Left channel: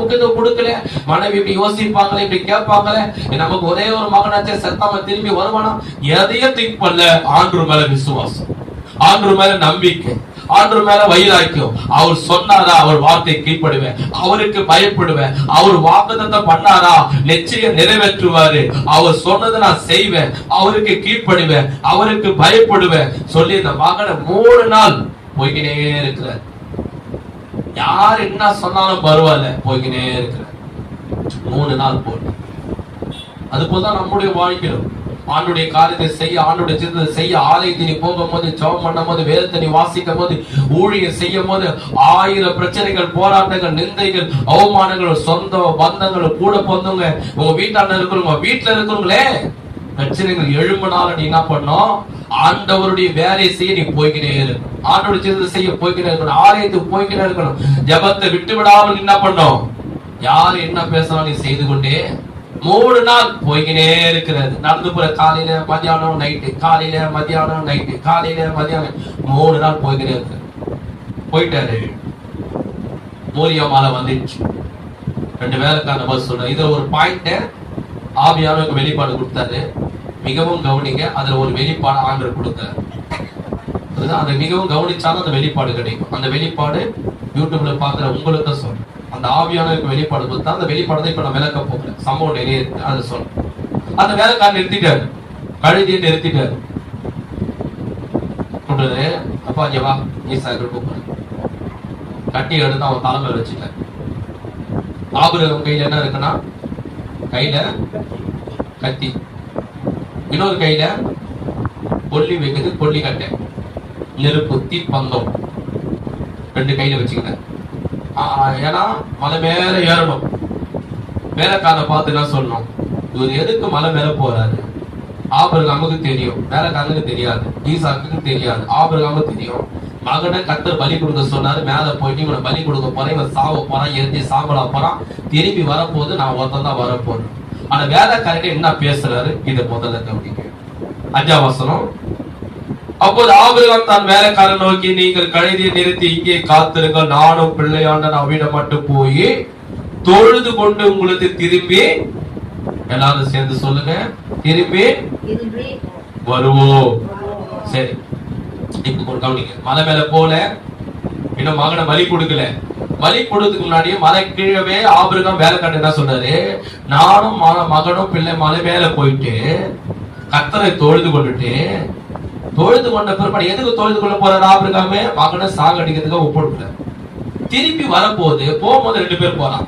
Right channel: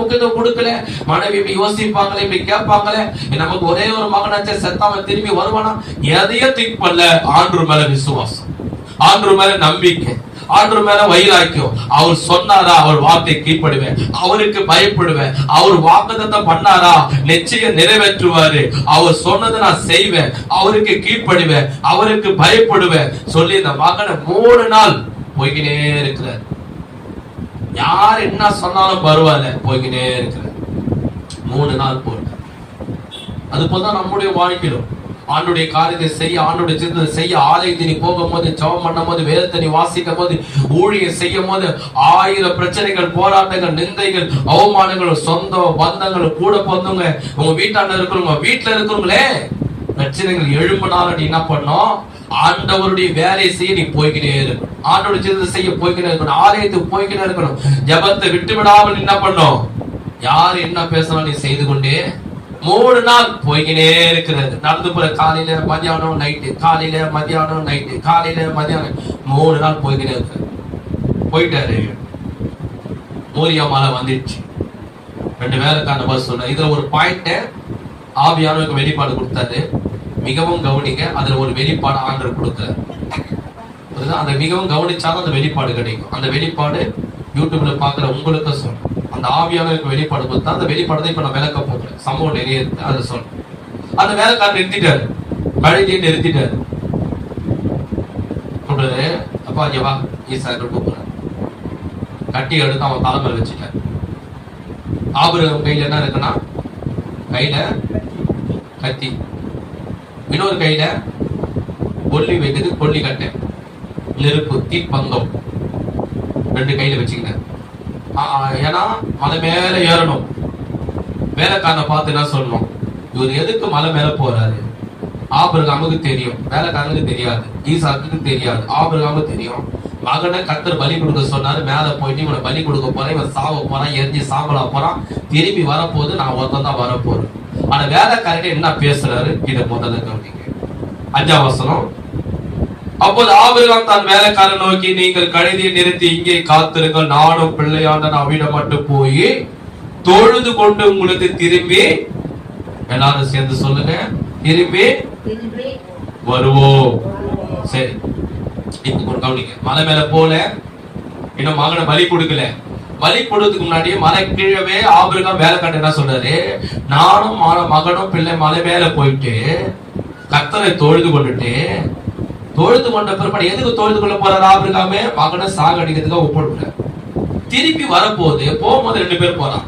முக்கியத்துவம் கொடுக்கல. மனைவி இப்படி யோசிப்பாங்களே, இப்படி கேட்பாங்களே, நமக்கு ஒரே ஒரு மகனாச்சே செத்தாம திரும்பி வருவானா, எதையும் திங்க் பண்ணல. ஆண்டவர் மேல விசுவாசம், ஆண்டவர் மேல நம்பிக்கை, ஆண்டவர் மேல வைராக்கியம். அவர் சொன்னாரா, அவர் வார்த்தை கீழ்ப்படுவேன், அவருக்கு பயப்படுவேன். அவர் வாக்குத்தத்தம் பண்ணாரா, நிச்சயம் நிறைவேற்றுவாரு. அவர் சொன்னதை நான் செய்வேன், அவருக்கு கீழ்ப்படுவேன், அவருக்கு பயப்படுவேன் சொல்லி இந்த மகனை 3 நாள் போய்கினே இருக்கிறார். யார் என்ன சொன்னாலும் பரவாயில்ல, போய்கினே இருக்கிறார். 3 நாள் போல. அது போலதான் நம்முடைய வாழ்க்கையிலும் ஆண்டுடைய காரியத்தை செய்ய, ஆண்டுடைய சிந்தனை செய்ய, ஆலயத்தை நீ போகும்போது, ஜெபம் பண்ணும் போது, வேதத்தை நீ வாசிக்கும் போது, ஊழியம் செய்யும் போது 1000 பிரச்சனைகள், போராட்டங்கள், நிந்தைகள், அவமானங்கள், சொந்த பந்தங்கள், கூட பொந்தவங்க, உங்க வீட்டாண்ட இருக்கிறவங்க, வீட்டுல இருக்கிறவங்களே பிரச்சனைகள் எழும்பினாலும் நீ என்ன பண்ணும், ஆண்டவருடைய வேலை செய்ய நீ போய்கிட்டே இருக்கணும். ஆண்டவருடைய சிந்தனை செய்ய போய்கிட்டே இருக்கணும். ஆலயத்துக்கு போய்கிட்டே இருக்கணும். ஜபத்தை விட்டு விடாமல் என்ன பண்ணும், யார் என்ன பேசினாலும் நீ செய்து கொண்டே 3 நாள் போய்கினே இருக்கிறது. நடந்து போற காலையில மதியானம் நைட்டு, காலையில மதியானம் நைட்டு, காலையில மதியானம் 3 நாள் போய்கினே இருக்கு. போயிட்டாரு. மோரியா மாலை வந்துடுச்சு. 2 வேலைக்கான பஸ் சொன்ன. இதுல ஒரு பாயிண்ட் ஆவியானவருக்கு வெளிப்பாடு கொடுத்தாரு. மிகவும் கவனிங்க, அதுல ஒரு வெளிப்பாடு ஆண்டவர் கொடுத்தாரு. அந்த மிகவும் கவனிச்சாலும் அந்த வெளிப்பாடு கிடைக்கும். அந்த வெளிப்பாடு யூடியூப்ல பாக்குற உங்களுக்கு சொல்றேன். அந்த ஆவியானவருக்கு வெளிப்பாடு கொடுத்தா அந்த வெளிப்பாடு இப்ப நான் விளக்க போகிறேன். சம்பவம் நிறைய இருக்கு, அதை சொல்றேன். அந்த வேலைக்காரன் நிறுத்திட்டாரு, கழுதியை நிறுத்திட்டாரு. அப்பா வா ஈசாக்கு கூப்பிடுறேன். கட்டி எடுத்து அவன் தலைமையில் வச்சுட்டார். ஆபிரகாம் கையில என்ன இருக்குன்னா, கையில கத்தி, இன்னொரு கையில கொல்லி வைக்கிறது, கொல்லி கட்டை, நெருப்பு, தீப்பந்தம் 2 கையில வச்சுக்கிட்டேன். ஏன்னா மலை மேல ஏறணும். வேலைக்காரனை பார்த்து என்ன சொல்லணும், இவர் எதுக்கு மலை மேல போறாரு? ஆபிரகாமுக்கு தெரியும், வேலைக்காரனுக்கு தெரியாது, ஈசாக்குக்கு தெரியாது, ஆபிரகாமுக்கு தெரியும். மகனை கர்த்தர் பலி கொடுக்க சொன்னாரு. மேல போயிட்டு இவனை பலி கொடுக்க போறேன், இவன் சாவ போறான், எரிஞ்சு சாம்பலா போறான், திரும்பி வரப்போது, நான் ஒருத்தன் தான் வரப்போறேன். ஆனா வேலைக்காரன் என்ன பேசுறாரு, இதை முதல்ல கவனிக்க. 5ஆம் வசனம். அப்போது ஆபிரகாம் தான் வேலைக்காரன் நோக்கி, நீங்கள் கழுதியை நிறுத்தி இங்கே காத்திருங்கள், நானும் பிள்ளையான அவிடம் மட்டும் போய் தொழுது கொண்டு உங்களுக்கு திரும்பி, எல்லாரும் சேர்ந்து சொல்லுங்க, திரும்பி வருவோம். சரி, இப்ப கவனிங்க. மலை மேல போல, இன்னும் மகனை பலி கொடுக்கல. பலி கொடுத்ததுக்கு முன்னாடியே மலை கீழவே ஆபிரகாம் வேலைக்காரன் என்ன சொல்றாரு, நானும் மகனும் பிள்ளை மலை மேல போயிட்டு கர்த்தரை தொழுது கொண்டுட்டு, தொழுது கொண்ட பிற்பாடு எதுக்கு தொழுது கொள்ள போறாரு ஆபிரகாமே, மகனை சாகடிக்கிறதுக்கு ஒப்புடுறாரு. திருப்பி வரப்போது, போகும்போது 2 பேர் போறான்.